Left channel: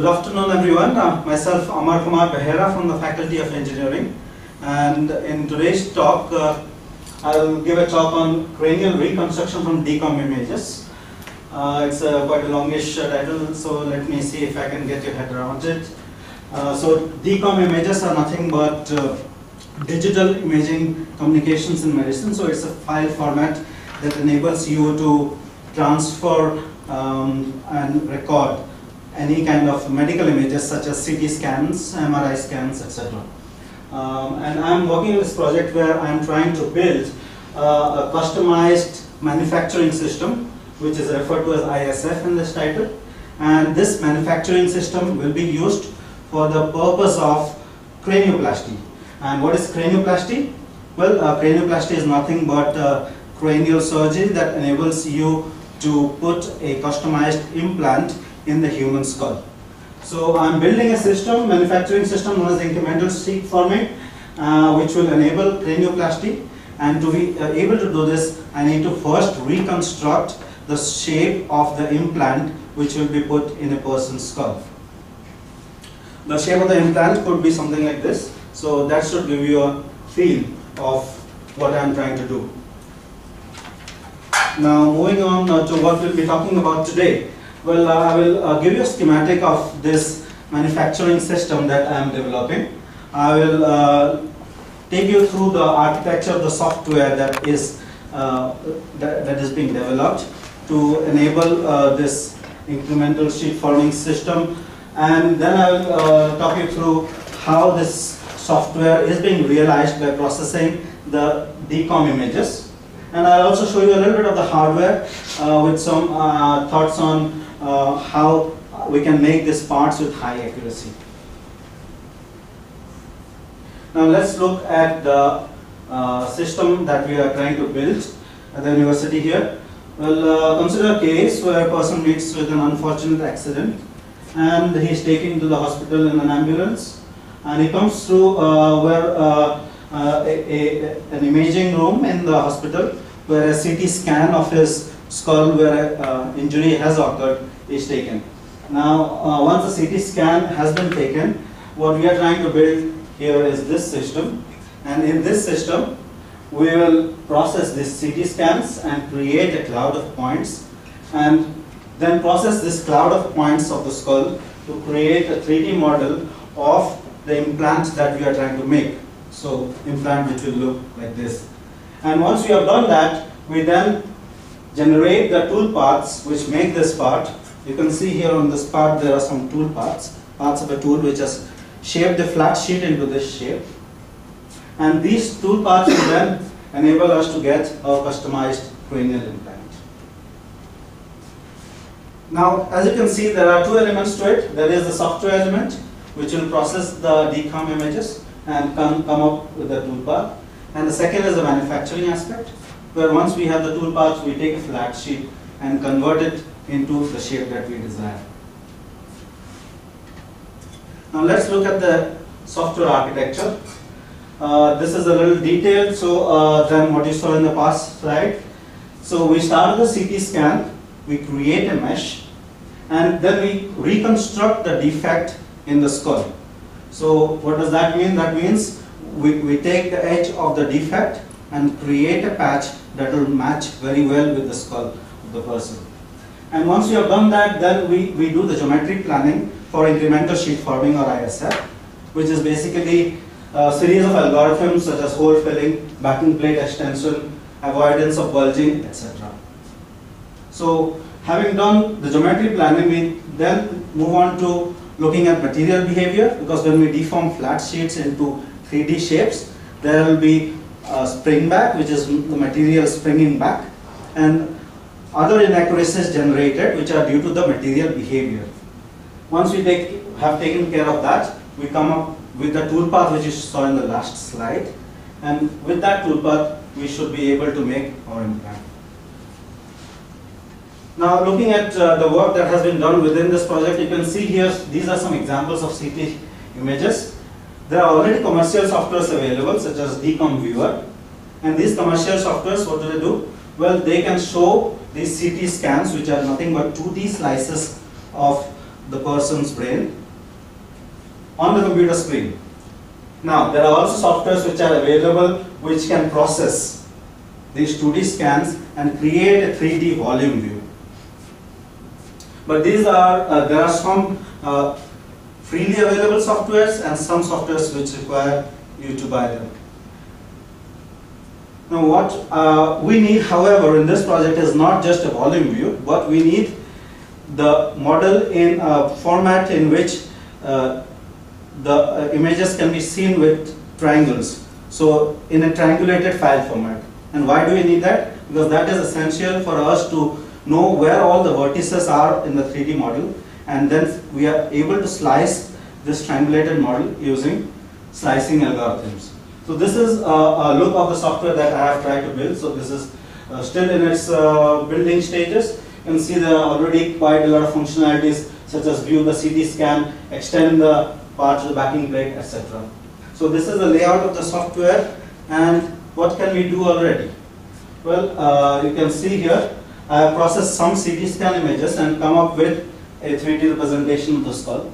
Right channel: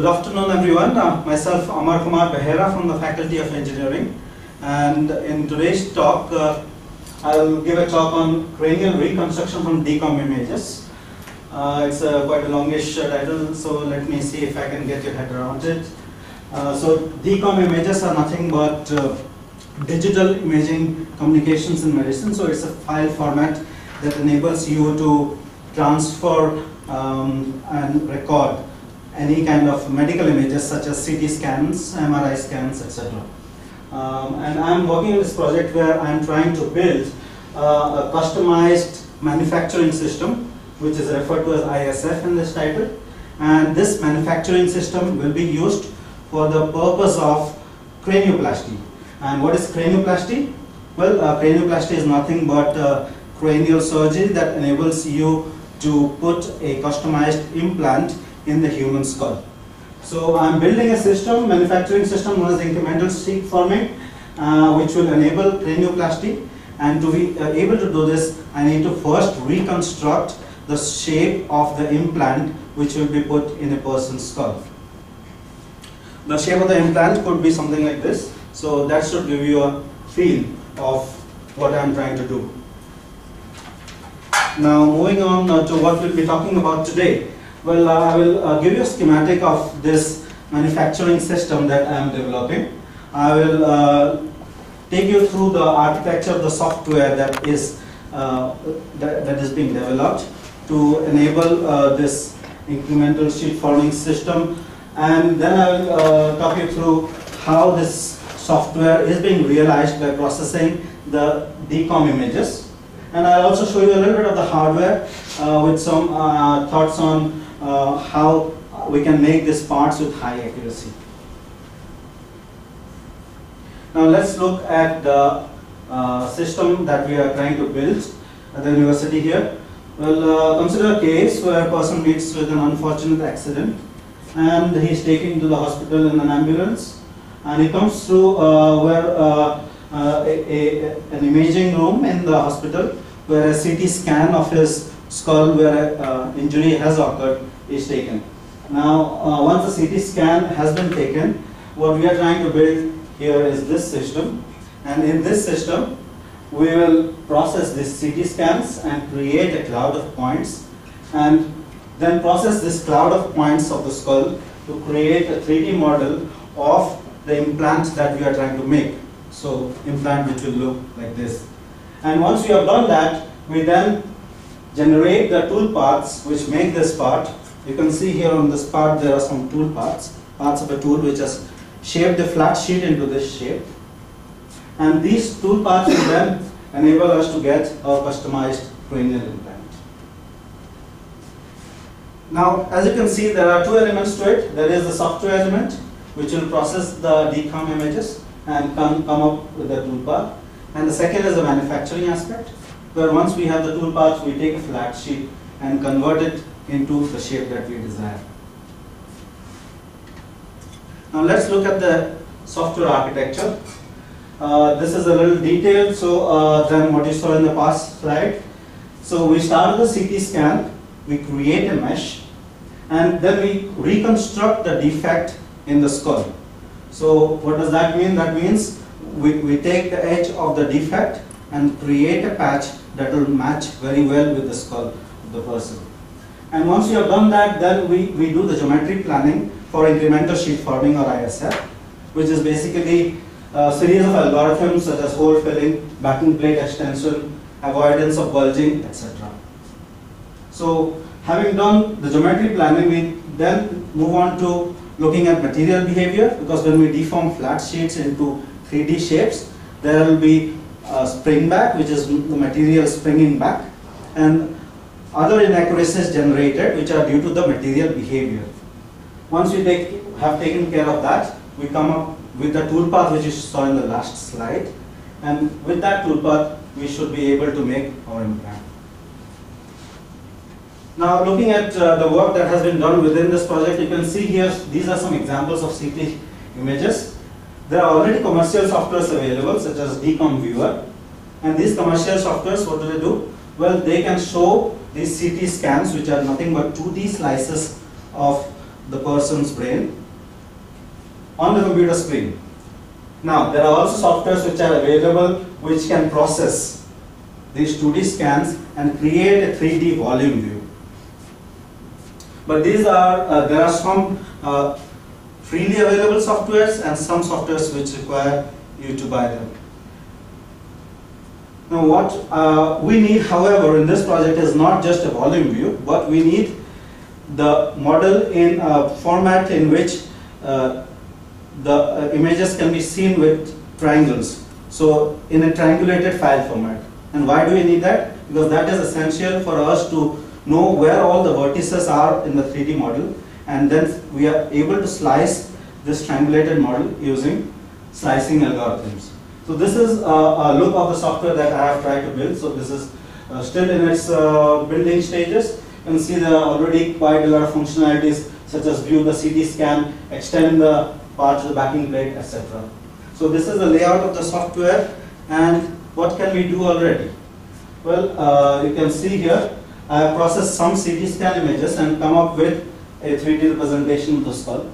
Good afternoon, everyone. Myself, Amar Kumar Behera from the Faculty of Engineering, and in today's talk, I will give a talk on cranial reconstruction from DCOM images. It's quite a longish title, so let me see if I can get your head around it. So DCOM images are nothing but digital imaging communications in medicine. So it's a file format that enables you to transfer and record any kind of medical images such as CT scans, MRI scans, etc. And I'm working on this project where I'm trying to build a customized manufacturing system, which is referred to as ISF in this title. And this manufacturing system will be used for the purpose of cranioplasty. And what is cranioplasty? Well, cranioplasty is nothing but cranial surgery that enables you to put a customized implant in the human skull. So I'm building a system, manufacturing system known as incremental sheet forming, which will enable cranioplasty. And to be able to do this, I need to first reconstruct the shape of the implant which will be put in a person's skull. The shape of the implant could be something like this. So that should give you a feel of what I'm trying to do. Now moving on to what we'll be talking about today. Well, I will give you a schematic of this manufacturing system that I am developing. I will take you through the architecture of the software that is being developed to enable this incremental sheet forming system, and then I will talk you through how this software is being realized by processing the DCOM images. And I'll also show you a little bit of the hardware with some thoughts on how we can make these parts with high accuracy. Now let's look at the system that we are trying to build at the university here. Well, consider a case where a person meets with an unfortunate accident and he is taken to the hospital in an ambulance, and he comes through an imaging room in the hospital where a CT scan of his skull where an injury has occurred is taken. Now, once the CT scan has been taken, what we are trying to build here is this system, and in this system we will process these CT scans and create a cloud of points, and then process this cloud of points of the skull to create a 3D model of the implant that we are trying to make. So, implant which will look like this. And once we have done that, we then generate the tool paths which make this part. You can see here on this part there are some tool parts of a tool which has shaped the flat sheet into this shape. And these tool paths will then enable us to get a customized cranial implant. Now, as you can see, there are two elements to it. There is the software element which will process the DCOM images and come up with the tool path. And the second is the manufacturing aspect, where once we have the tool paths, we take a flat sheet and convert it into the shape that we desire. Now let's look at the software architecture. This is a little detailed than what you saw in the past slide. So we start with the CT scan, we create a mesh, and then we reconstruct the defect in the skull. So what does that mean? That means we take the edge of the defect and create a patch that will match very well with the skull of the person. And once we have done that, then we do the geometry planning for incremental sheet forming, or ISF, which is basically a series of algorithms such as hole filling, backing plate extension, avoidance of bulging, etc. So having done the geometry planning, we then move on to looking at material behavior, because when we deform flat sheets into 3D shapes, there will be spring back, which is the material springing back, and other inaccuracies generated which are due to the material behavior. Once we have taken care of that, we come up with the tool path which you saw in the last slide, and with that tool path we should be able to make our implant. Now looking at the work that has been done within this project, you can see here these are some examples of CT images. There are already commercial softwares available such as DCOM Viewer, and these commercial softwares, what do they do? Well, they can show these CT scans which are nothing but 2D slices of the person's brain on the computer screen. Now, there are also softwares which are available which can process these 2D scans and create a 3D volume view. But these are there are some freely available softwares and some softwares which require you to buy them. Now, what we need, however, in this project is not just a volume view, but we need the model in a format in which the images can be seen with triangles. So, in a triangulated file format. And why do we need that? Because that is essential for us to know where all the vertices are in the 3D model, and then we are able to slice this triangulated model using slicing algorithms. So this is a look of the software that I have tried to build. So this is still in its building stages. You can see there are already quite a lot of functionalities such as view the CT scan, extend the part to the backing plate, etc. So this is the layout of the software, and what can we do already? Well, you can see here I have processed some CT scan images and come up with a 3D representation of the skull.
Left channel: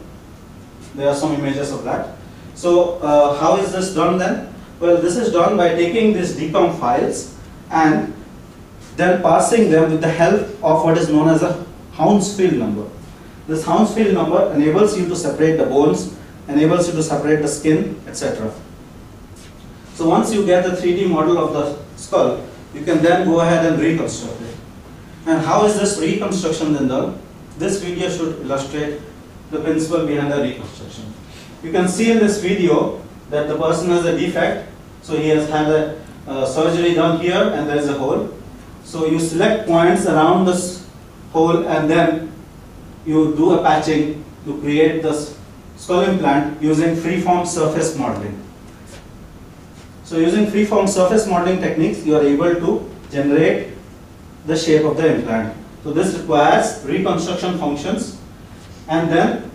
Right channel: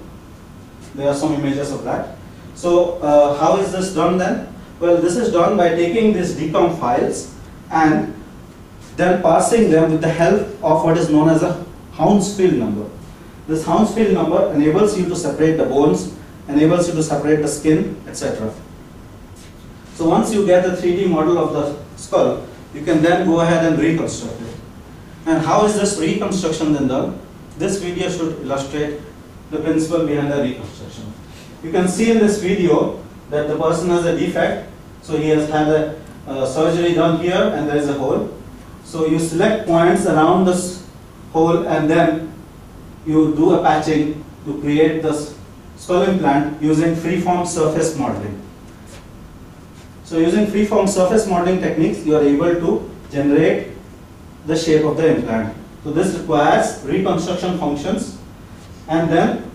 There are some images of that. So how is this done then? Well, this is done by taking these DCOM files and then parsing them with the help of what is known as a Hounsfield number. This Hounsfield number enables you to separate the bones, enables you to separate the skin, etc. So once you get the 3D model of the skull, you can then go ahead and reconstruct it. And how is this reconstruction then done? This video should illustrate the principle behind the reconstruction. You can see in this video that the person has a defect. So he has had a surgery done here and there is a hole. So you select points around this hole and then you do a patching to create this skull implant using freeform surface modeling. So using freeform surface modeling techniques, you are able to generate the shape of the implant. So this requires reconstruction functions and then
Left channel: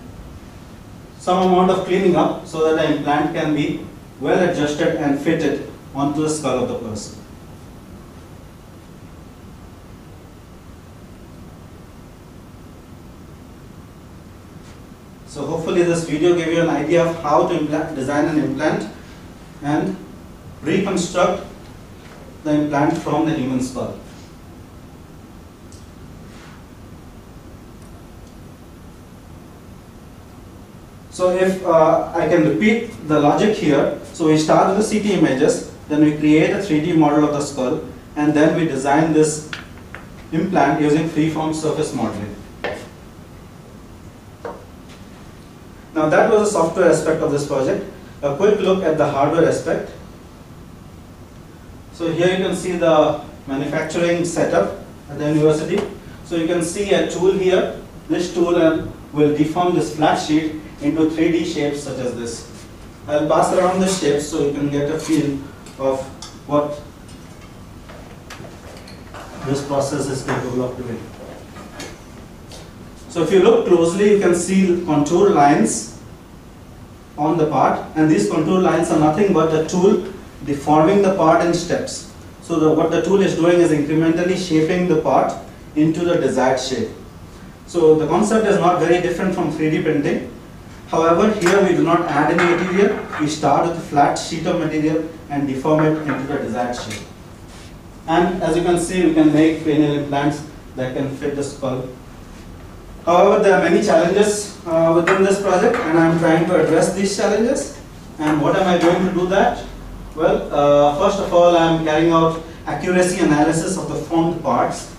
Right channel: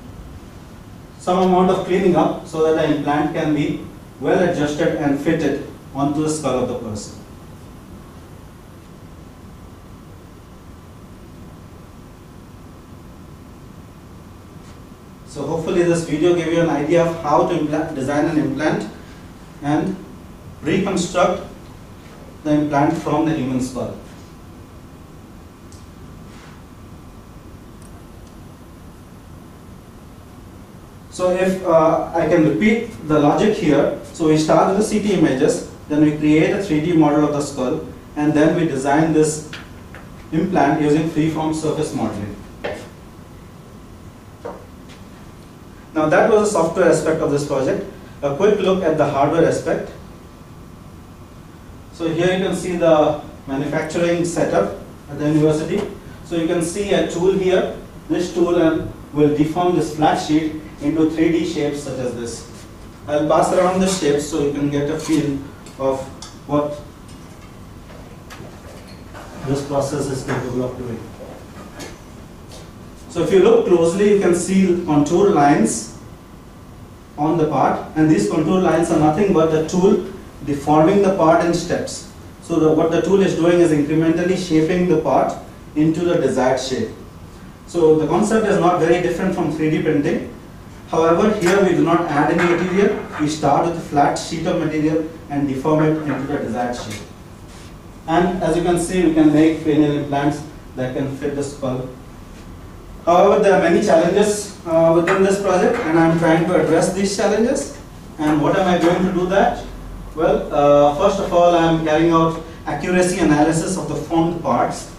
some amount of cleaning up so that the implant can be well adjusted and fitted onto the skull of the person. So hopefully this video gave you an idea of how to design an implant and reconstruct the implant from the human skull. So if I can repeat the logic here, so we start with the CT images, then we create a 3D model of the skull, and then we design this implant using freeform surface modeling. Now that was the software aspect of this project. A quick look at the hardware aspect. So here you can see the manufacturing setup at the university. So you can see a tool here. This tool will deform this flat sheet into 3D shapes such as this. I'll pass around the shapes so you can get a feel of what this process is capable of doing. So if you look closely, you can see contour lines on the part, and these contour lines are nothing but the tool deforming the part in steps. So what the tool is doing is incrementally shaping the part into the desired shape. So the concept is not very different from 3D printing. However, here we do not add any material. We start with a flat sheet of material and deform it into the desired shape. And as you can see, we can make cranial implants that can fit the skull. However, there are many challenges within this project, and I am trying to address these challenges. And what am I doing to do that? Well, first of all, I am carrying out accuracy analysis of the formed parts.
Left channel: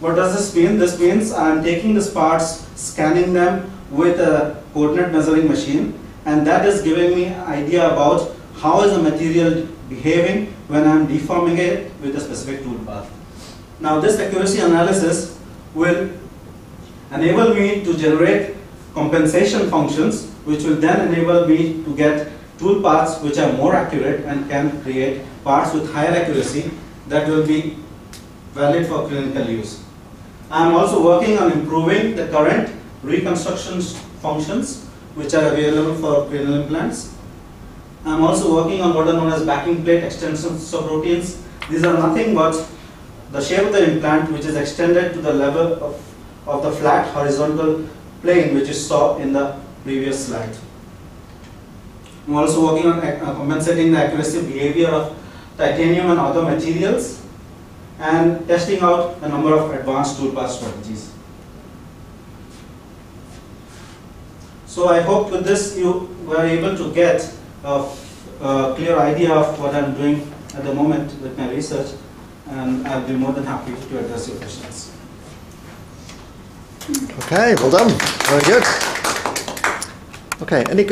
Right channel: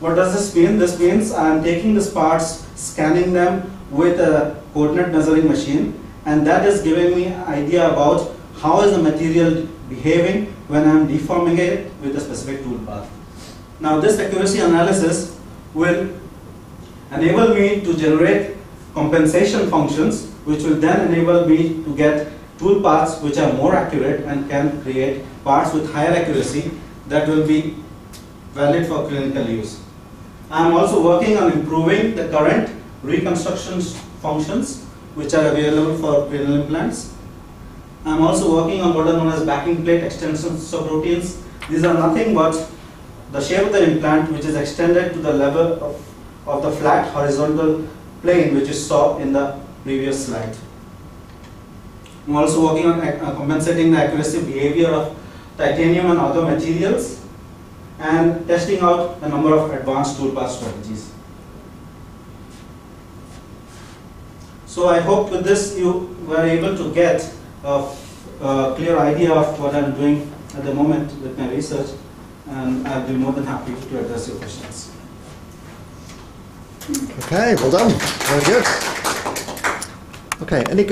What does this mean? This means I am taking these parts, scanning them with a coordinate measuring machine, and that is giving me an idea about how is the material behaving when I am deforming it with a specific tool path. Now this accuracy analysis will enable me to generate compensation functions, which will then enable me to get tool paths which are more accurate and can create parts with higher accuracy that will be valid for clinical use. I am also working on improving the current reconstruction functions which are available for cranial implants. I am also working on what are known as backing plate extension subroutines. These are nothing but the shape of the implant which is extended to the level of the flat horizontal plane which you saw in the previous slide. I'm also working on compensating the accuracy behavior of titanium and other materials, and testing out a number of advanced toolpath strategies. So I hope with this you were able to get a clear idea of what I'm doing at the moment with my research, and I'll be more than happy to address your questions. Okay, well done. Very good. Okay, any